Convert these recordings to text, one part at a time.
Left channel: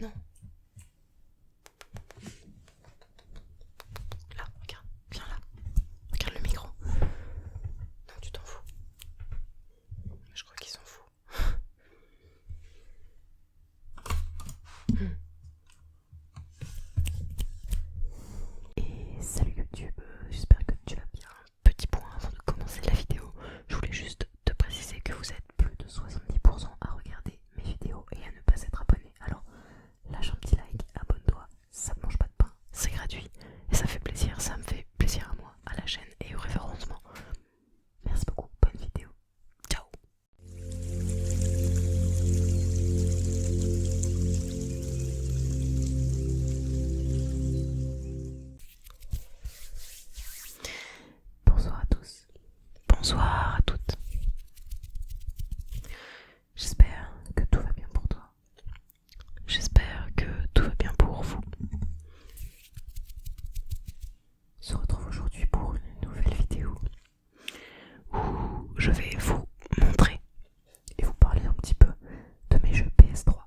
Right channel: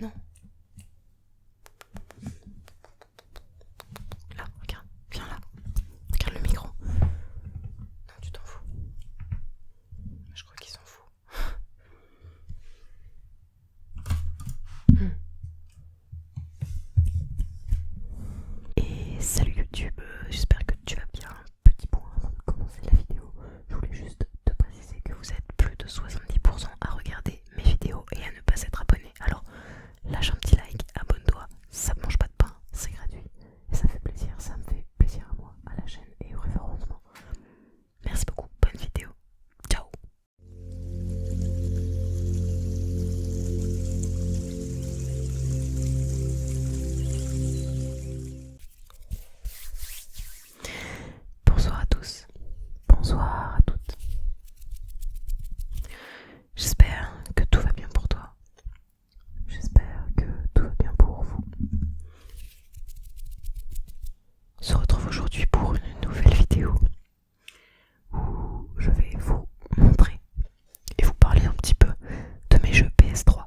Non. Là, regarde, viens là. Regarde le micro. Non, tu t'en fous. Je crois qu'il s'en fout. Et salut YouTube, j'espère que tu vas bien. Petit point avant de commencer la vidéo. Je voulais juste te préciser que vous êtes plus de 70% à regarder mes vidéos et à ne pas être abonné. Alors lâche un petit like, abonne-toi, ça ne mange pas de pain, c'est gratuit et ça fait plaisir, ça me fait plaisir à moi, à la chaîne et au référencement. Merci beaucoup, bonne vidéo, ciao. Bonsoir à tous, bonsoir à toutes. J'espère que tout va bien pour toi. J'espère que tout va bien pour vous. On se retrouve aujourd'hui pour une nouvelle vidéo où je vais vous montrer et vous parler un petit peu de mes jeux PS3.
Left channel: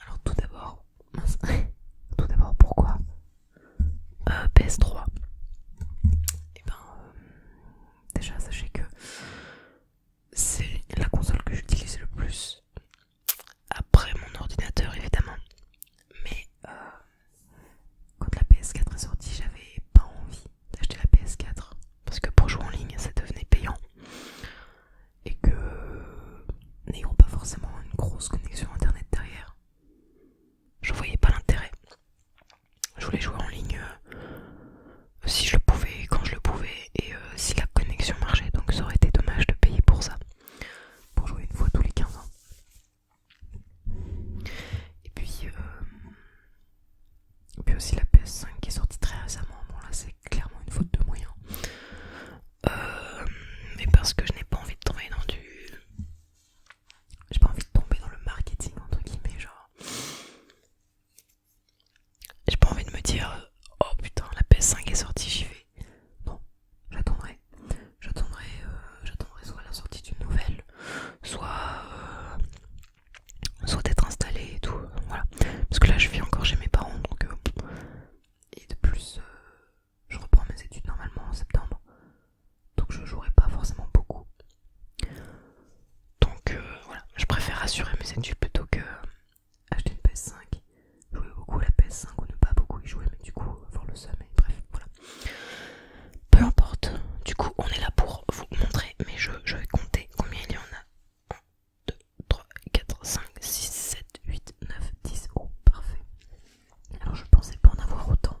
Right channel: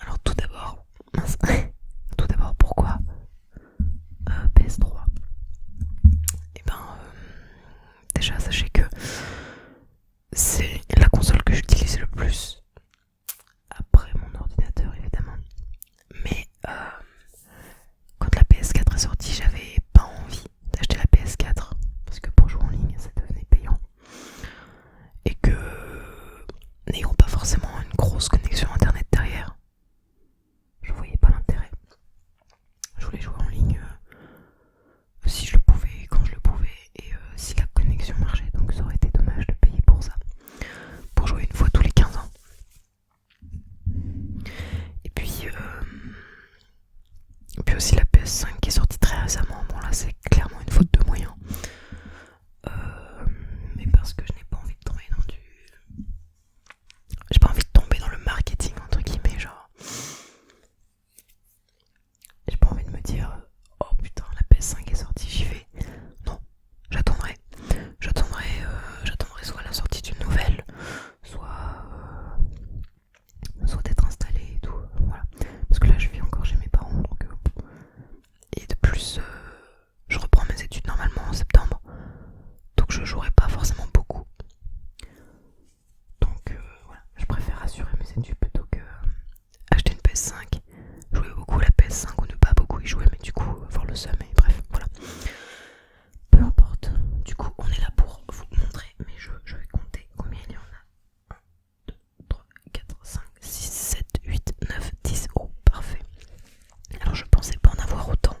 Alors tout d'abord, pourquoi PS3? Et ben déjà sachez que c'est la console que j'utilise le plus après mon ordinateur évidemment. Mais quand la PS4 est sortie, j'avais pas envie d'acheter la PS4 parce que pour jouer en ligne ça devenait payant et que n'ayant pas forcément une grosse connexion internet derrière, je voyais pas l'intérêt. Je voulais jouer en ligne si je le pouvais, quand je le pouvais et si la connexion marchait, donc ça aurait été dommage de payer pour ça, pour jouer une fois tous les 15 ans. Et puis aussi la PS5 qui est sortie très récemment, bon là c'est clairement une faute de moyens. Mais parce que je n'ai pas envie de tomber dans du... J'ai pas envie de tomber dans le marketing entre guillemets, genre... J'ai pas envie de me dire oh putain la PS5 est sortie, j'y vais. Non, j'attendrai. J'attendrai soit la sortie d'une nouvelle, soit d'être installé et tout, voilà. Parce que là je vis encore chez mes parents, donc et de plus je reprends mes études normalement en septembre, donc je jouerai pas forcément beaucoup. Donc voilà, je préfère assurer mes études plutôt que acheter une PS5, jouer beaucoup à la PS5 ou ne pas beaucoup y jouer, mais du coup avoir le seum et bref, voilà. Peu importe, du coup on est là pour vous montrer mes jeux, je vais compter combien il y en a. 1, 2, 3, 4, 5, 6, 7, 8, 9, 10, oh parfait. Alors je pensais pas en avoir autant.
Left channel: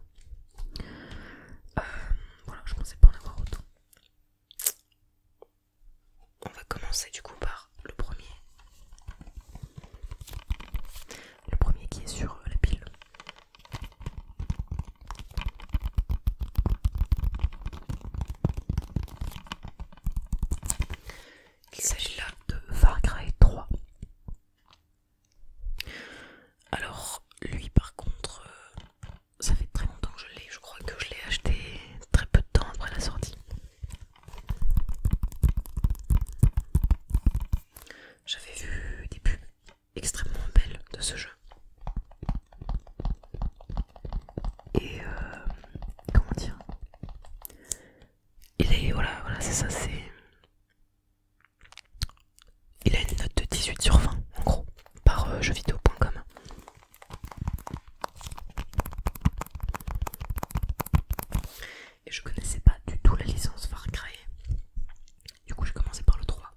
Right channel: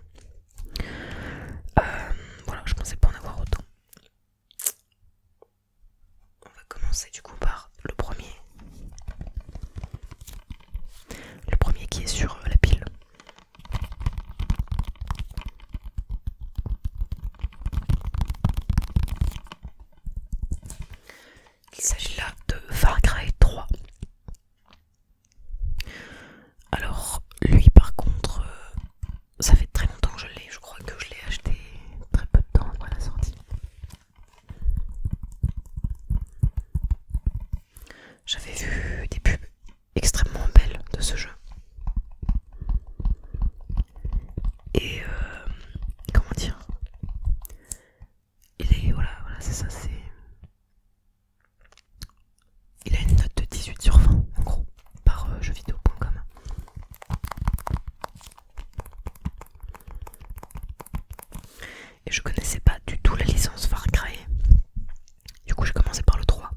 Voilà, je pensais pas en avoir autant. On va commencer du coup par le premier. Le premier qui est sur la pile. Il s'agit là de Far Cry 3. Alors lui par contre, ça fait très longtemps que je l'ai, je crois que je l'ai acheté très peu de temps après la sortie. J'avais vu des pubs extrêmement belles de ce jeu. Et comment dire, il est, voilà c'est ça, il a une note de 18 sur 20 en gros, par jeuxvideo.com. Et je connaissais pas du tout la licence Far Cry. Du coup j'ai commencé par le 3.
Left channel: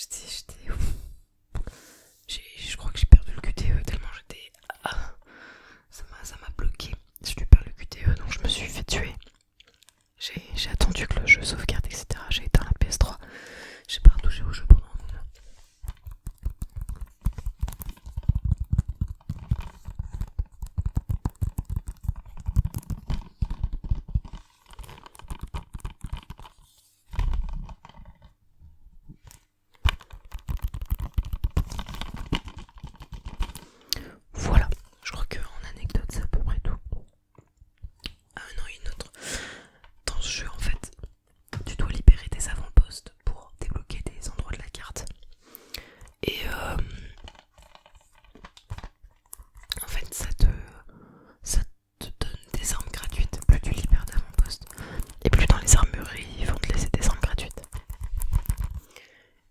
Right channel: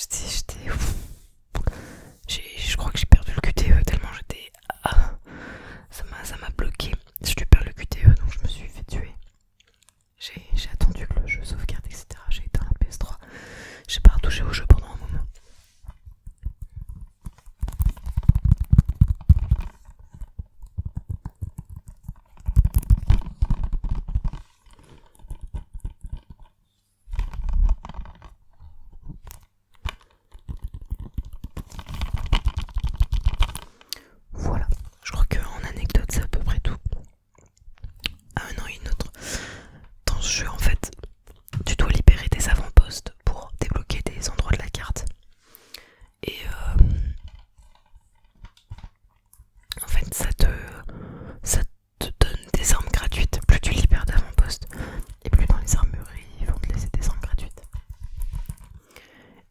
J'étais. Je crois que j'ai perdu le QTE tellement j'étais. Ah, ça m'a bloqué. Je dû perdre le QTE donc je me suis fait tuer. J'ai attendu que le jeu sauvegarde, etc. J'ai éteint la PS3. J'ai pas retouché au jeu pendant un moment. Voilà, je crois qu'en anecdote c'est à peu près tout. Ah non, une autre. Dans ce jeu en fait, tu dois libérer des avant-postes pour débloquer des endroits de la carte. Et en fait ça te donne des armes gratuites. Plus tu libères d'avant-postes et plus dans les armureries ils vont te laisser des armes gratuites.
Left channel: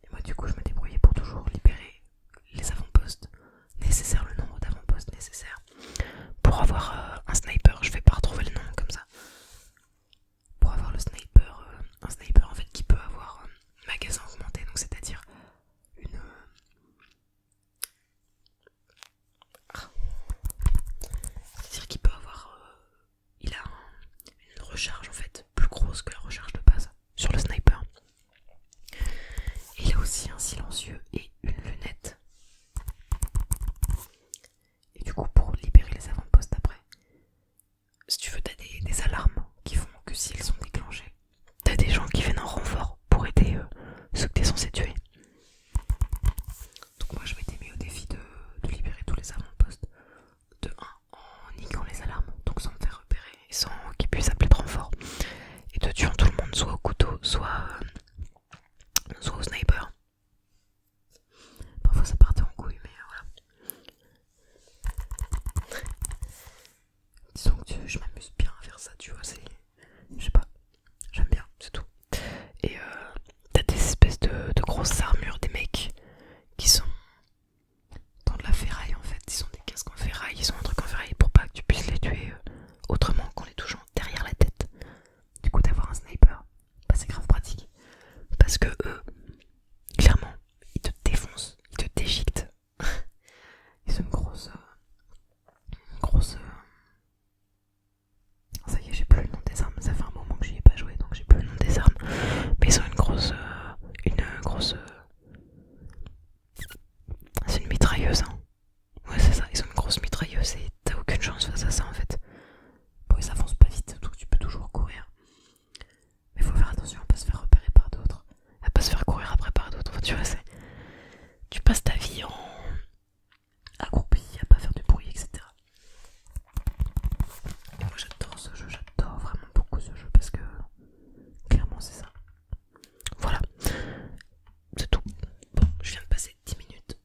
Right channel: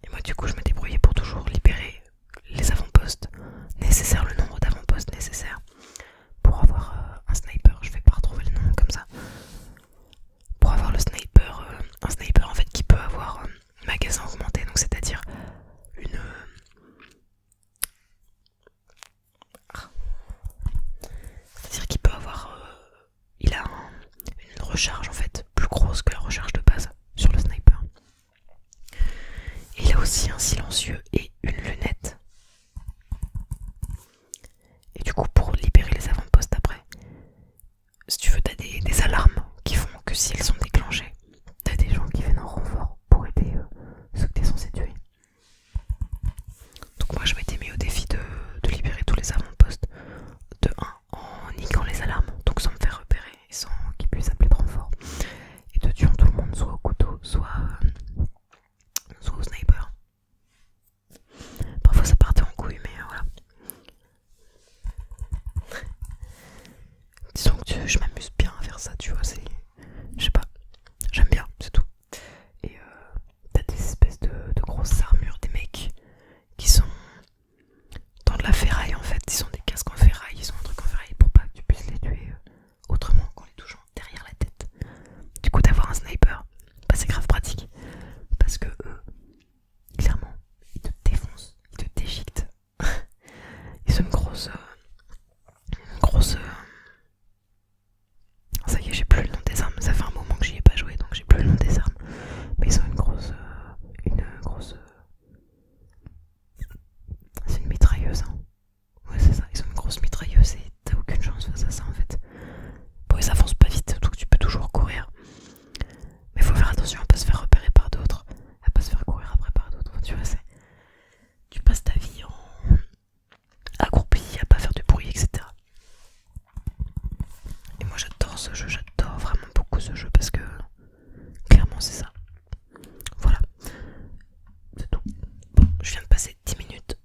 Et moi du coup je me débrouillais pour toujours libérer les avant-postes nécessaires, le nombre d'avant-postes nécessaires pour avoir un sniper. Je vais pas retrouver le nom comme ça. Pour avoir le sniper, un sniper en fait qui peut avoir magasin augmenté, donc c'est-à-dire une c'est-à-dire qu'il peut avoir il a une recharge en fait plus grosse que la recharge de base sur le sniper. Et il a aussi un silencieux et une lunette. Et du coup pour libérer les avant-postes après, si tu veux t'as des alarmes qui font que s'ils sont déclenchés, t'as des gens qui viennent en renfort pour aider ceux que t'es censé tuer. Donc moi je m'étais mis au défi de libérer tous les avant-postes de 1 en niquant les alarmes, donc sans me faire repérer et sans qu'ils puissent appeler de renfort, et de tuant tout le monde soit au couteau soit au sniper. Parfois ça partait en couille mais voilà. Disons que je m'amuse bien à faire ça, tu vois, c'est... Je sais pas, j'aime bien, c'est tout. Et t'as des espèces de grosses armures, des mecs qui sont dans de la ferraille en fait. Ils ont des casques en ferraille, ils ont un truc en ferraille pour pas que tu puisses les tuer autrement qu'en les touchant derrière la tête. Du coup d'avoir un sniper, bah c'est grave pratique. Parce que eux, clairement, ils te défoncent, ils te déchiquetent. Ils ont une grosse... Ça y est, j'ai plus le nom des armes. Ça fait un moment que j'y ai pas joué, donc j'ai plus le nom des armes. Mais ils ont une grosse... C'est une mitrailleuse, hein. Ouais, c'est ça, ils ont une grosse mitrailleuse et t'as aucune chance face à ça en fait. Bon, ils avancent pas vite, donc tu peux toujours courir. Mais faut faire attention à pas se faire repérer par d'autres, à pas se faire courir après par d'autres. Enfin, tu vois, tu passes ta vie en accroupi, à pas faire de bruit, etc. Et moi j'adore ce jeu, j'adore vraiment beaucoup ce jeu parce que clairement c'est ça. Voilà, c'est tout. Bon, je viens de passer 10 minutes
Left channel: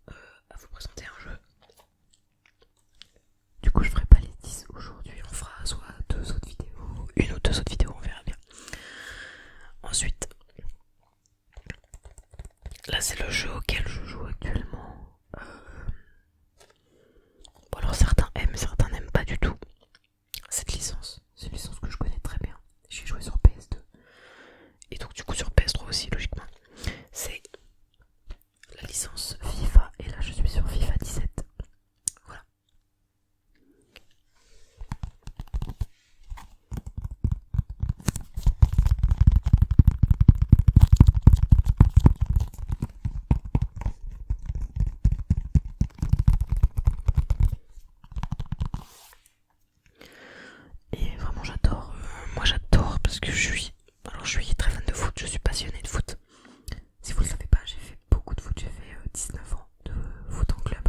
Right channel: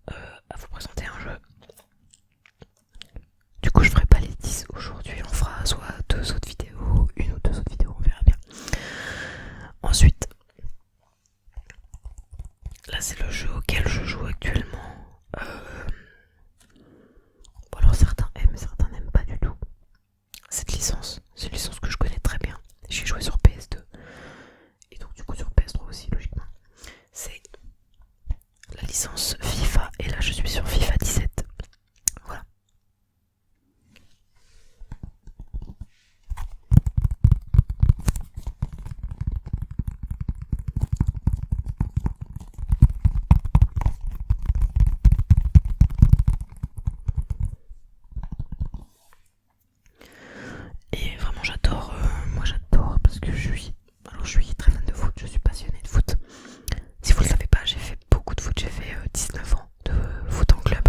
à vous présenter un jeu. Du coup je ferai pas les 10 aujourd'hui, on fera soit une ou deux autres vidéos, on verra bien. Ensuite, là c'est le jeu auquel je joue actuellement. Bon alors certains aiment, certains n'aiment pas du tout cette licence. C'est une licence que je connais très bien. J'ai joué sur PS2 et donc du coup sur PS3 aussi logiquement. C'est la licence FIFA et là je suis sur FIFA 17. Voilà. Et vraiment j'adore, moi j'adore parce que je suis très fan de foot, je suis passionné de foot. Si vous ne le savez pas, j'ai fait beaucoup de foot, j'ai fait 19 ans de foot en club.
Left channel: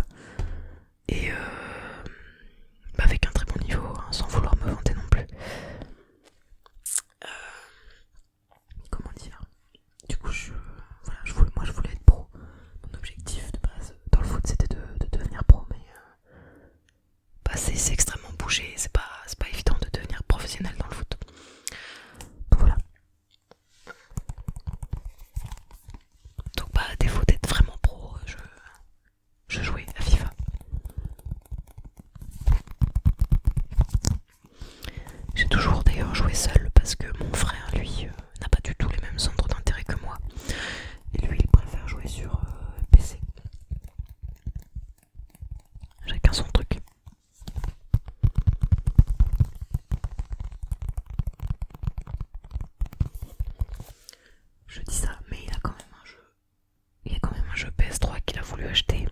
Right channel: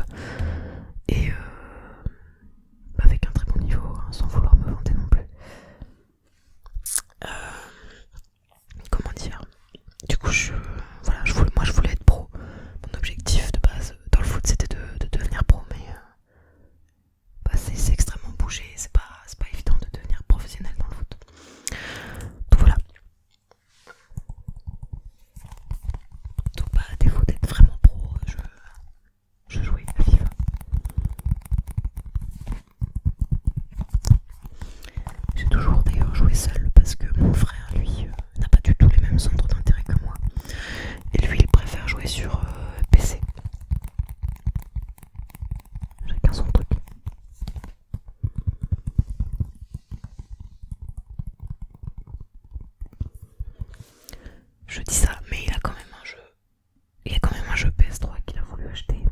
voulu acheter,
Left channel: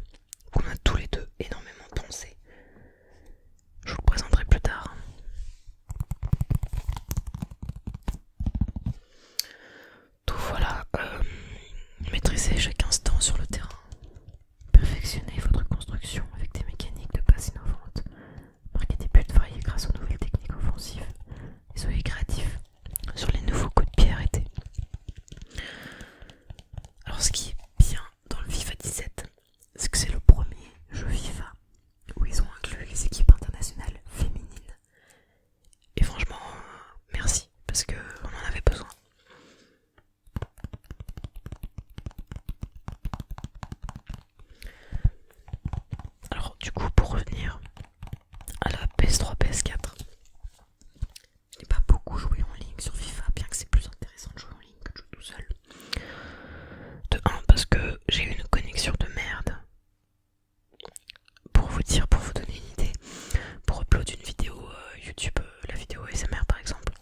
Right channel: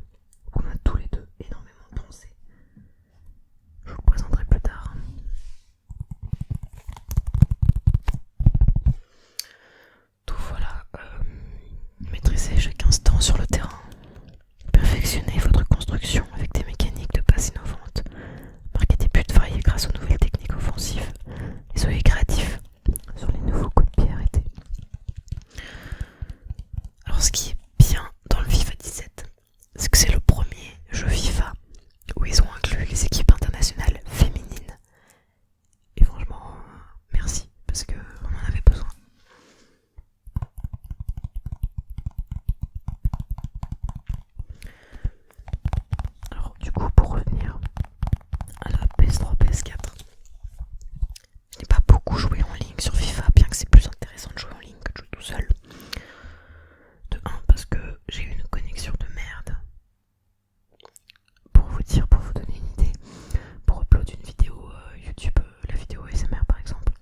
qu'on a tous les deux énormément pensé. Je vous le présenterai plus tard. Donc voilà, maîtrisez chaque instant sur le terrain. Perfectionnez votre construction avec des mécaniques de base innovantes. Marquez des buts variés grâce aux nouvelles techniques offensives. Et soyez créatifs sur les nouveaux coups de pied arrêtés. Alors ce qui est bien dans le FIFA 17, c'est que c'est le premier jeu FIFA où ils ont inclus les équipes internationales féminines. Et franchement, merci, parce qu'on en avait besoin. Alors du coup, pour revenir à la PS3, PS4, je n'ai pas beaucoup joué en ligne sur FIFA, bien que c'est plus intéressant de jouer en ligne que de jouer tout seul. De 1, parce que j'ai une connexion de merde. Pour vous dire, pour vous donner une idée, pour upload une vidéo YouTube, la vidéo ASMR par exemple,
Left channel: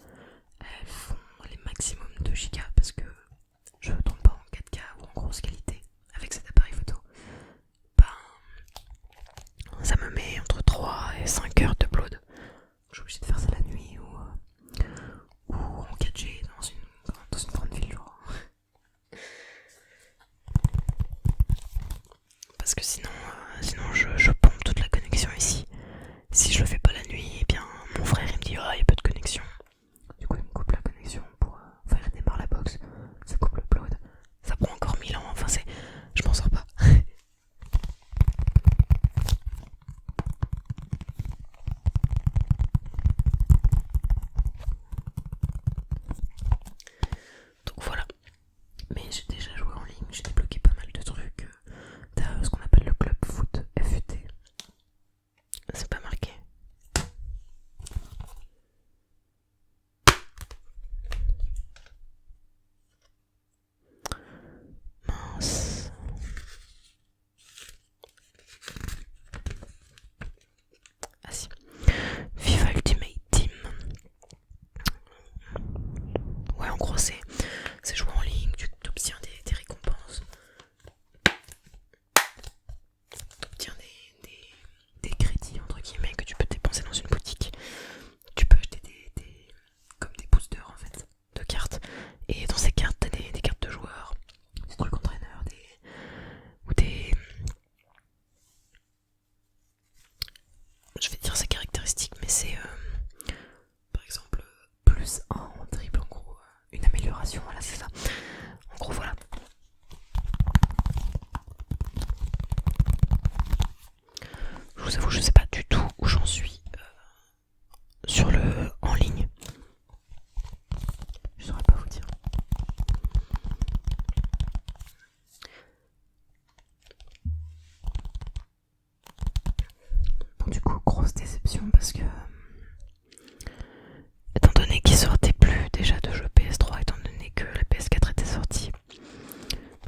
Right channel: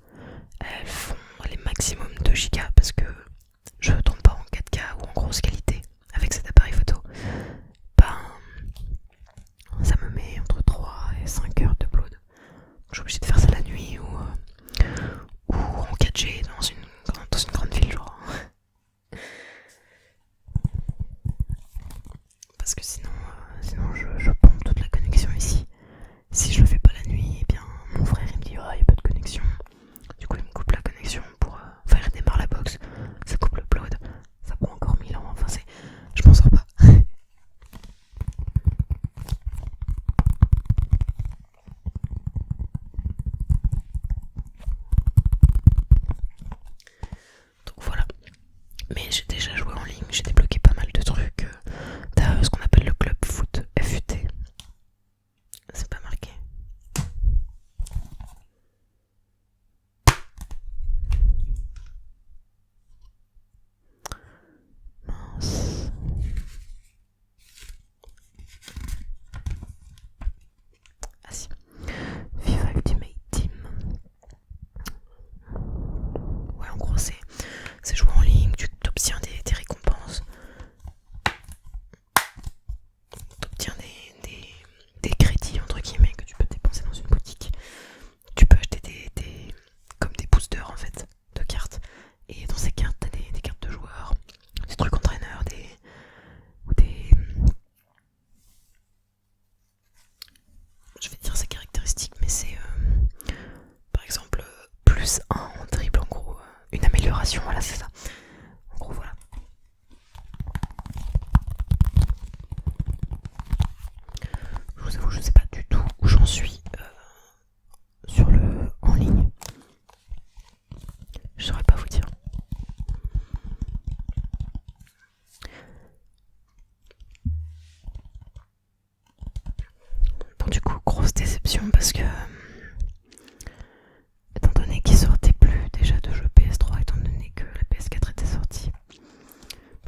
elles font les maximum 2 Go parce que je ne tourne pas en 4K ou en grosse qualité avec cet appareil photo. Ben, ça me met entre 3 et 5 heures d'upload. Je suis obligée de faire ça la nuit ou en 4G dans une grande ville genre. Parce que sinon je pompe toute la connexion ici. Si je le fais pas la nuit, eh bien mon frère il me dit il y a peu de connexion. Du coup il me coupe la connexion pour faire redémarrer la box. Ça coupe l'upload. Ça prend encore 1000 ans. Enfin je m'en sors pas. Donc voilà. Mais j'ai déjà joué en ligne. J'ai débloqué pas mal de trucs. T'as ce qu'on appelle le club foot FUT. C'est pas marqué. Mince. Ah si. FIFA Ultimate Team. Ouais, en gros c'est jouer en ligne, tu obtiens des récompenses. T'obtiens des crédits entre guillemets que tu peux dépenser dans une boutique. Tu peux acheter comme des boosters en fait de cartes. Et dans ces cartes t'as des cartes de joueurs, des trucs entraîneurs, je vais dire ces caractéristiques, mais c'est par exemple plus 1 en dribble, en gros une amélioration, voilà c'est ça. En gros voilà. Je vous avoue, je sais pas du tout où j'en suis sur le en ligne. Je saurais pas vous dire. Bon du coup, grosse déception parce que étant donné qu'il sortait plus déjà de jeux PS3, étant donné que la PS4 était sortie,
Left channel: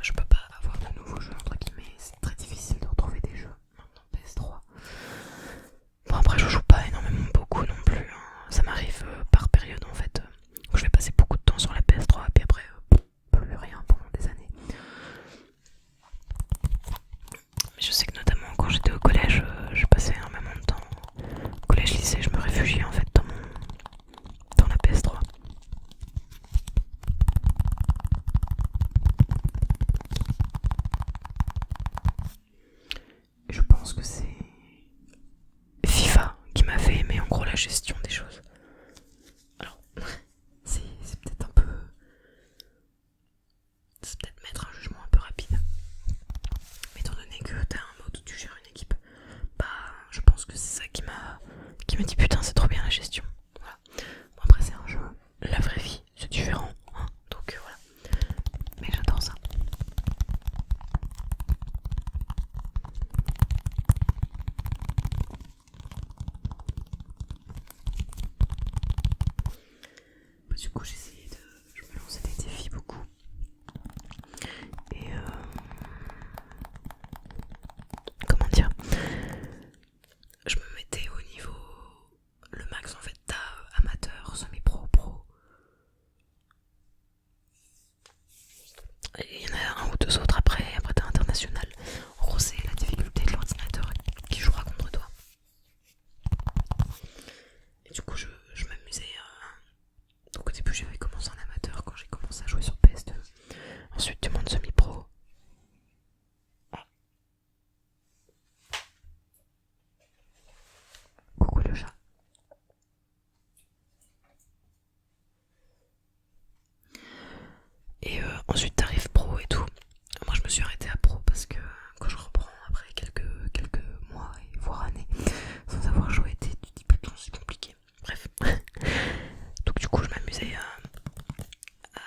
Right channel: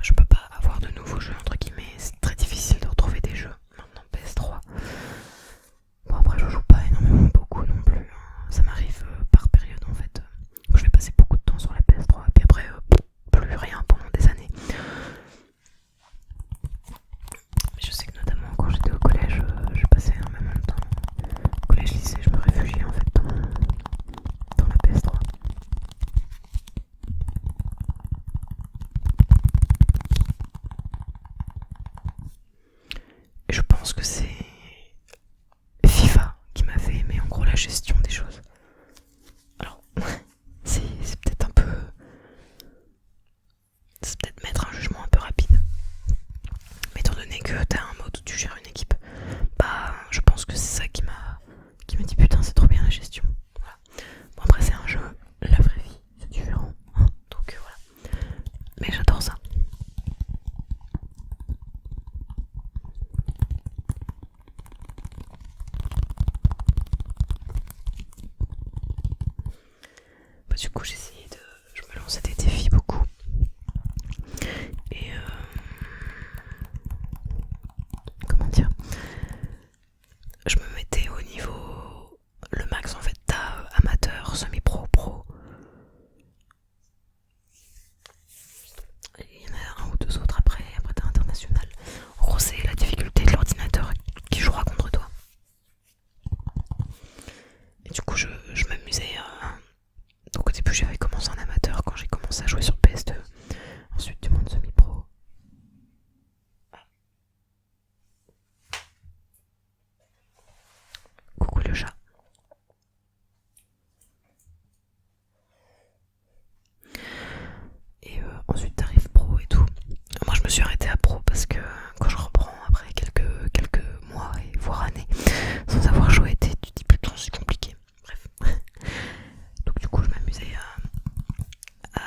je peux pas avoir de nouveaux jeux entre guillemets. C'est très difficile de retrouver des jeux maintenant PS3. Bon après je joue pas énormément beaucoup non plus, hein. Ça m'arrive par période en fait. Où je vais passer beaucoup de temps sur la PS3 et puis après plus rien pendant des années. Mais je sais que notamment quand j'étais au collège, je passais énormément de temps. Au collège lycée, je me réfugiais en fait dans la PS3. Et je pense que c'est FIFA qui m'a fait aimer en gros la gestion des choses. Alors, c'est peut-être un peu... C'est peut-être mettre un jugement un peu rapide. Mais étant donné que t'as un mode où tu gères une équipe, bah je pense que c'est ça qui m'a dit putain c'est trop bien la gestion. Voilà. Bon après c'est un jeu, la vraie vie, c'est différent, hein, donc voilà. Mais j'adore ça. Bah, du coup je me lançais des défis beaucoup. Et comment dire, je me mettais au niveau le max en fait. T'as amateur, semi-pro, pro. Il y en a un ou deux autres après t'as international. En gros parce que quand je reprends après quelques mois et voire années sans avoir joué, tu te dis putain c'est compliqué. Bref. Donc du coup je m'amusais à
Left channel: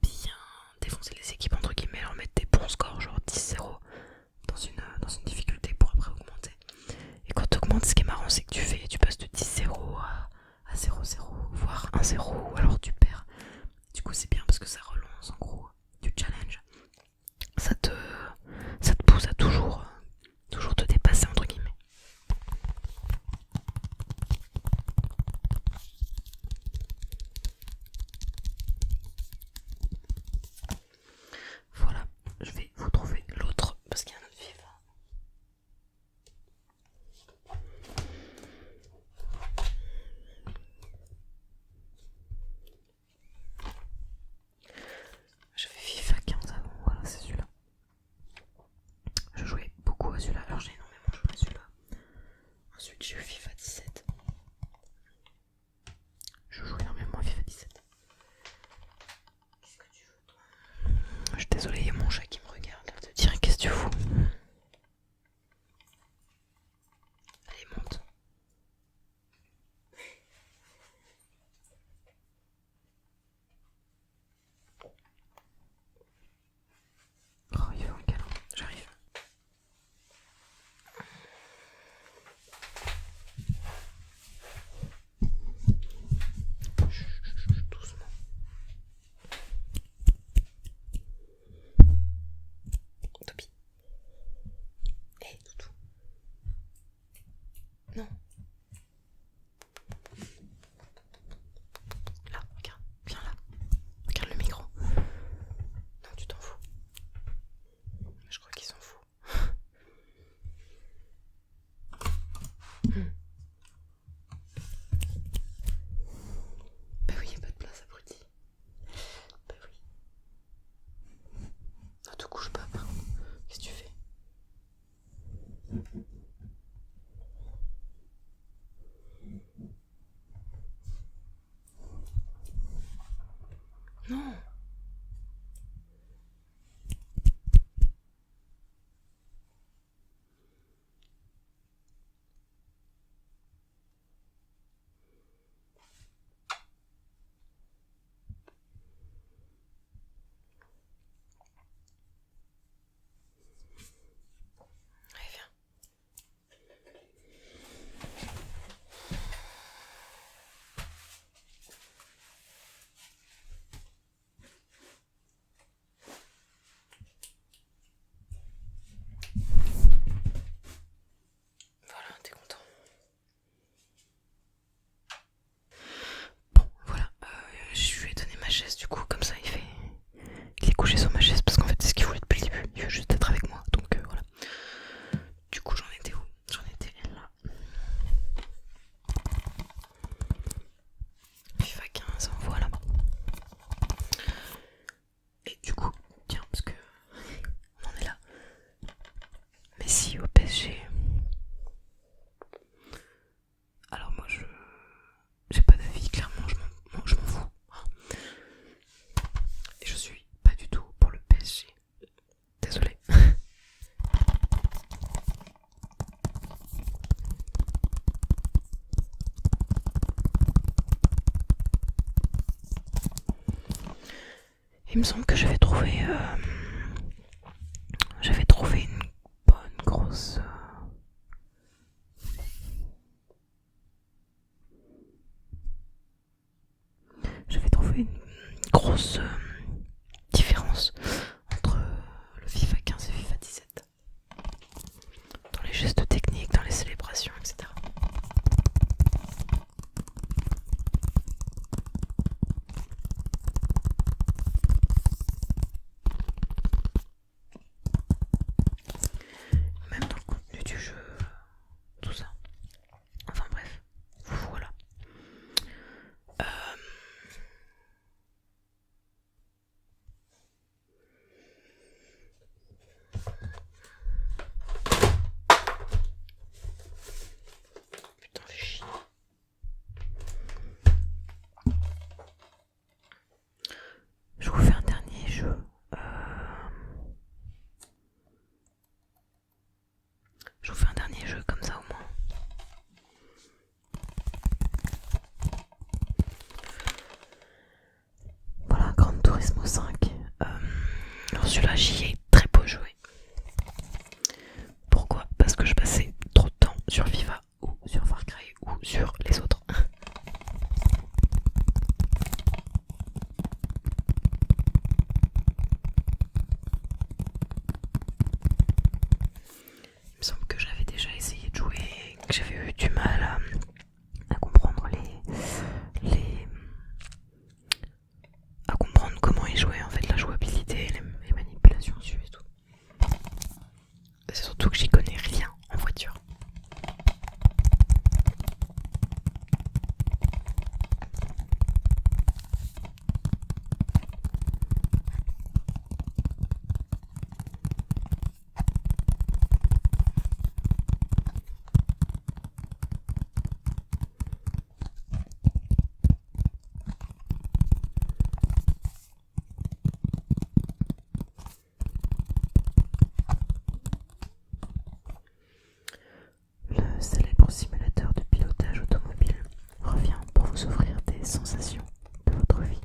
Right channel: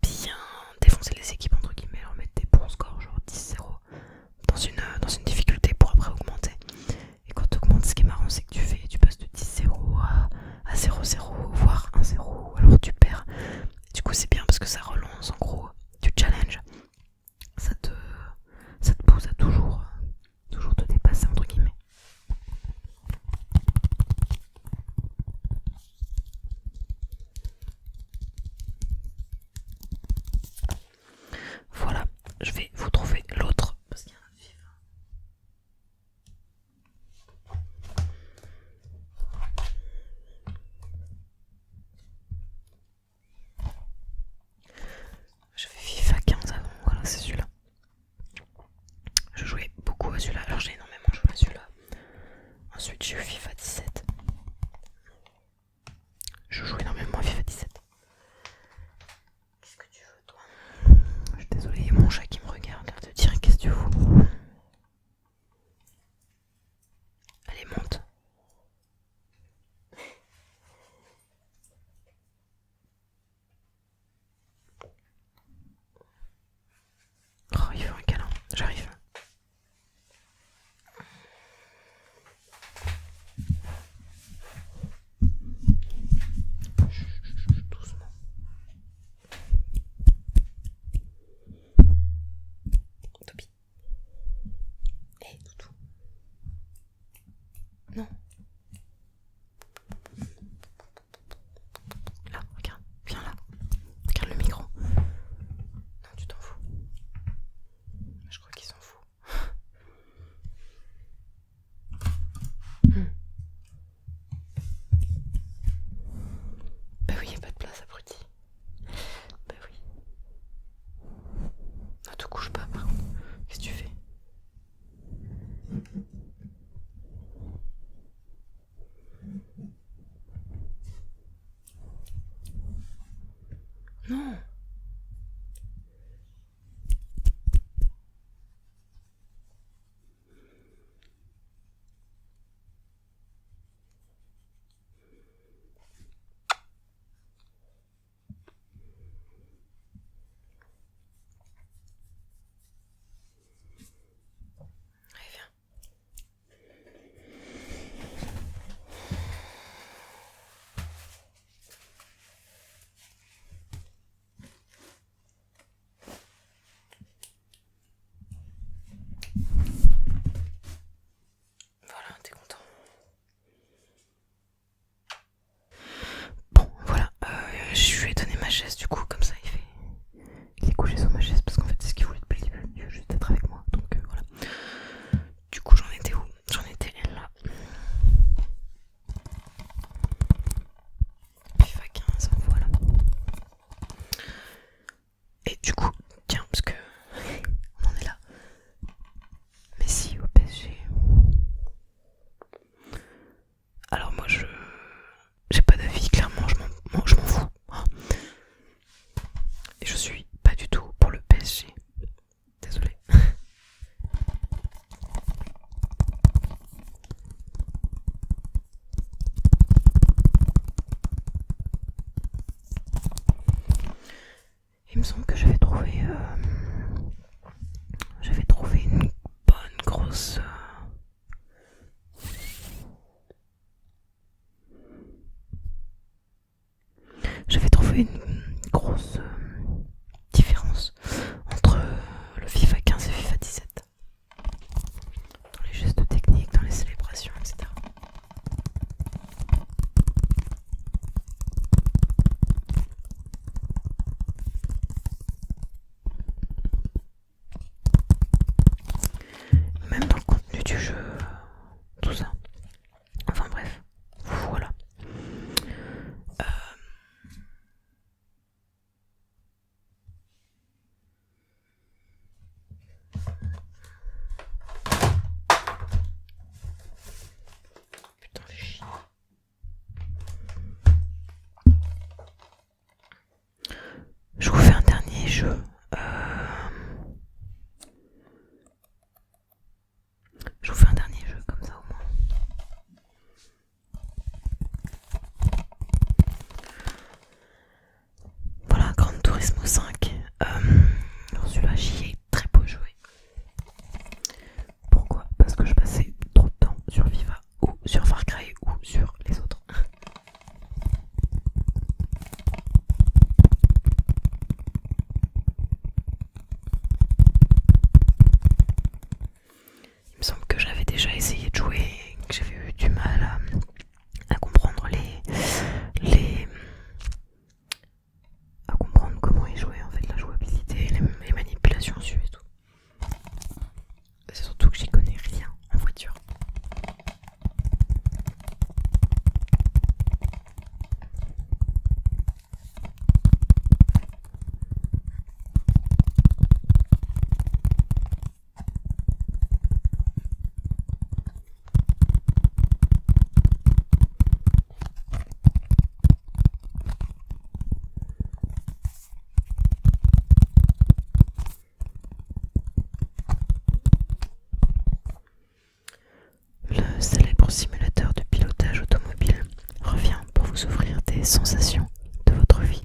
bien défoncer les équipes entre guillemets, leur mettre des bons scores, genre 10-0 dans une difficulté pour après augmenter. Et quand tu augmentes, ce qui est marrant c'est que tu passes de 10-0 à 0-0 voire 1-0 ou alors tu perds. Du coup c'est bien parce que ça relance en gros du challenge. Ça te pousse à toujours te dépasser entre guillemets. Voilà, je vais vous trouver l'autre parce qu'il y a un autre FIFA. J'avais FIFA 15 avant, voilà c'est celui-là. Je jouais beaucoup à celui-là, alors j'ai énormément joué à celui-là. Ensuite j'ai eu FIFA 17. Je joue énormément à FIFA 17. Qu'est-ce que tu veux toi? Je suis désolée, il y a mon chat qui me regarde, elle te dirait qu'est-ce que tu fous? Allez monte. Oh il faut un câlin, j'arrive. Doucement. Toby. Hé, toutou. Non. Là, regarde. Viens là. Regarde le micro. Non, tu t'en fous. Je crois qu'il s'en fout. Bah oui, y a pas de place, abruti. Bah oui. Ne te couche pas, par contre. Qu'est-ce que tu fais? Non. Allez, viens. Voilà, t'es content. Bon, voilà. Je lui ai donné ma chaise du coup, comme ça il est couché sur ma chaise parce qu'en fait c'est ce qu'il voulait depuis le début. Il veut juste être avec moi. Donc voilà. Du coup j'en étais où? J'en étais là. FIFA 15, voilà. Et du coup, tiens, parce que on en est là. Messi au PSG. Alors moi j'ai pas d'avis, clairement je m'en fous. Hein. Et je suis pas du tout pour le PSG. Désolée. Il me semble que j'avais trouvé une bonne grosse différence entre le FIFA 15 et FIFA 17 dans les gestes techniques, dans les célébrations, etc. Même dans le contenu du jeu, tout ça. Enfin bref, voilà. Putain, fais chier. Je vous fais un dernier jeu. me semble que j'avais déjà essayé de jouer et que j'avais eu du mal à comprendre les à comprendre comment y jouer en fait, la jouabilité, les manipulations dessus et tout. C'est surtout que j'y connais rien en voiture. Le célèbre simulateur de pilotage automobile revient pour vous offrir des sensations de votre vie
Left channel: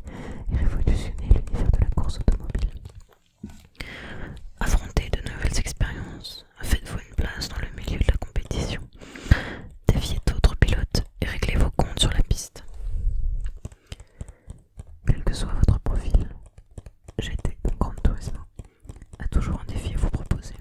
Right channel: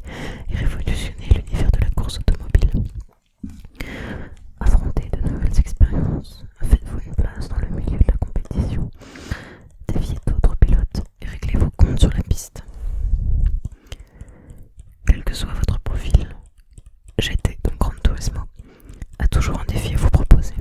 et révolutionner l'univers de la course automobile. Affrontez de nouvelles expériences, faites-vous une place dans le milieu de la compétition, défiez d'autres pilotes et réglez vos comptes sur la piste. Quel que soit votre profil, GT donc Gran Turismo a toujours un défi à vous proposer.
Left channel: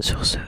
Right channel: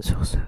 Sur ce,